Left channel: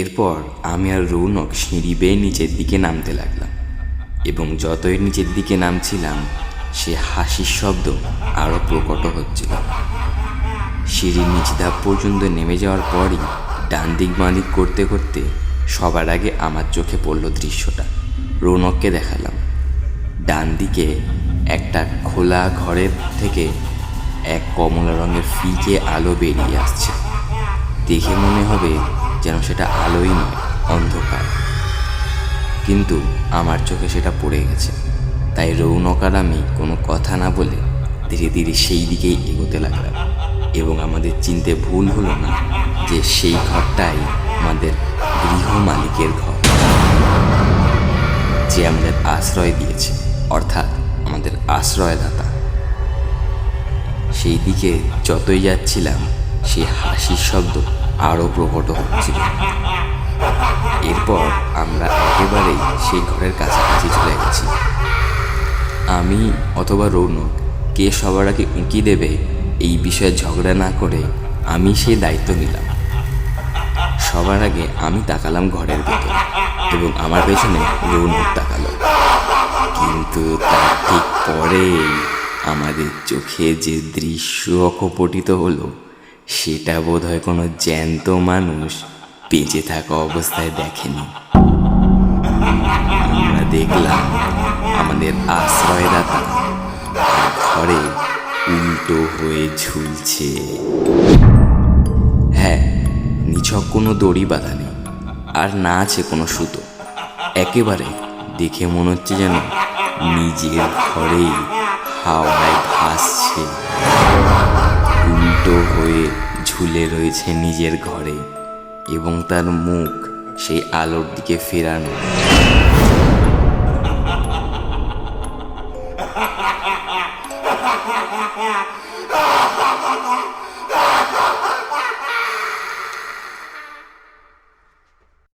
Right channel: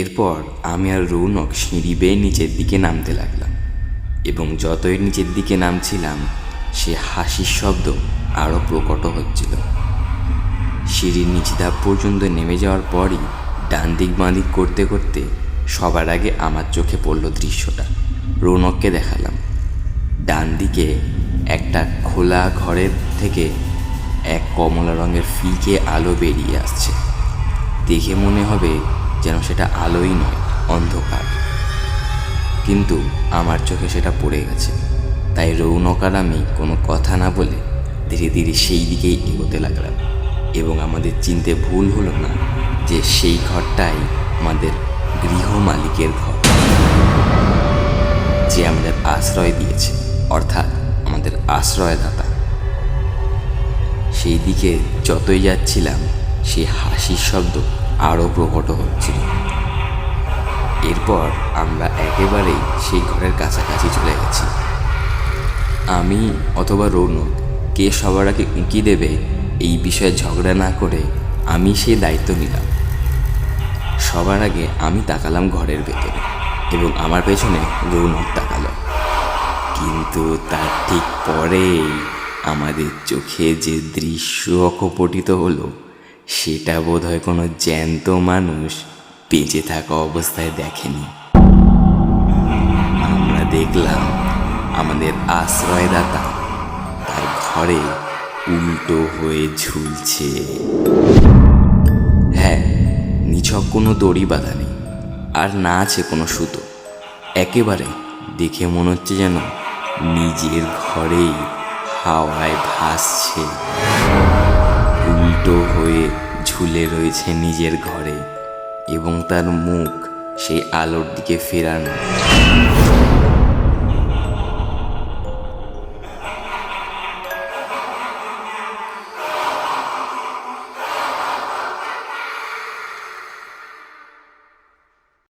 এরপর আমি আর রৌনক সিঁড়ি বেয়ে নিচের দিকে নামতে লাগলাম এবং যতই নিচের দিকে নামছিলাম সে হাসির শব্দ আরও প্রকট হচ্ছিল। সিঁড়ির নিচ ধাপ পর্যন্ত নেমে যাওয়ার পরই ডান দিক বাঁ দিক করতে করতে সবার আগে আমার চোখে পড়ল দৃশ্যটা। রৌনককে দেখালাম, ডান দিকে একটা খোলা ঘরের থেকে এক কমলা রঙের ফিকে আলো বেরিয়ে আসছে। দেখে মনে হবে যেন সেটা আলোই নয়, অন্ধকার। কিন্তু আমার চোখে সেটা পড়ে গেছে, তাই রৌনক আর আমি কোনো কথা না বলে ধীরে ধীরে সেই দিকেই এগোতে লাগলাম। এবং আমাদের চিনতে ভুল হলো না যে সেই ঘরটাই আমাদের গৃহ মালিকের ঘর, যে আমাদের আশ্রয় দিয়েছে, অর্থাৎ আমাদের আশ্রয়দাতা। সেই দিকে যতই যাচ্ছিলাম সেই হাসির শব্দ আরও প্রকট হচ্ছিল। এরপর আমরা একেবারেই সেই ঘরের কাছাকাছি চলে গেছি। আমি অথবা রৌনক কে সবার আগে উঁকি দেবে এই বিষয়ে ঝগড়া না করে আমি সেই দায়িত্ব নিলাম। সবার আগে আমি তাকালাম ঘরের ভেতরে এবং আমার পেছনে রৌনক তাকালো। কিন্তু তার ঠিক পরেই আমাদের চোখে যে দৃশ্য অকপটিত হলো সেটা বোধহয় কোনো জ্যান্ত মানুষ বেঁচে থাকা অবস্থায় দেখেনি। আমরা দেখলাম আমাদের আশ্রয়দাতা তার ঘরে উল্টো হয়ে ঝুলছে। হ্যাঁ, নিছক কোনো দড়ি বাঁধা নেই, আর না আছে কোনো সুতো। একেবারে দেখে মনে হচ্ছে যেন নিজের ঘরেই হাওয়ায় ভাসছে, উল্টো হয়ে ঝুলে রয়েছে নিজের ঘরে এবং তার মুখ সেই আলোর দিকে ফেরানো।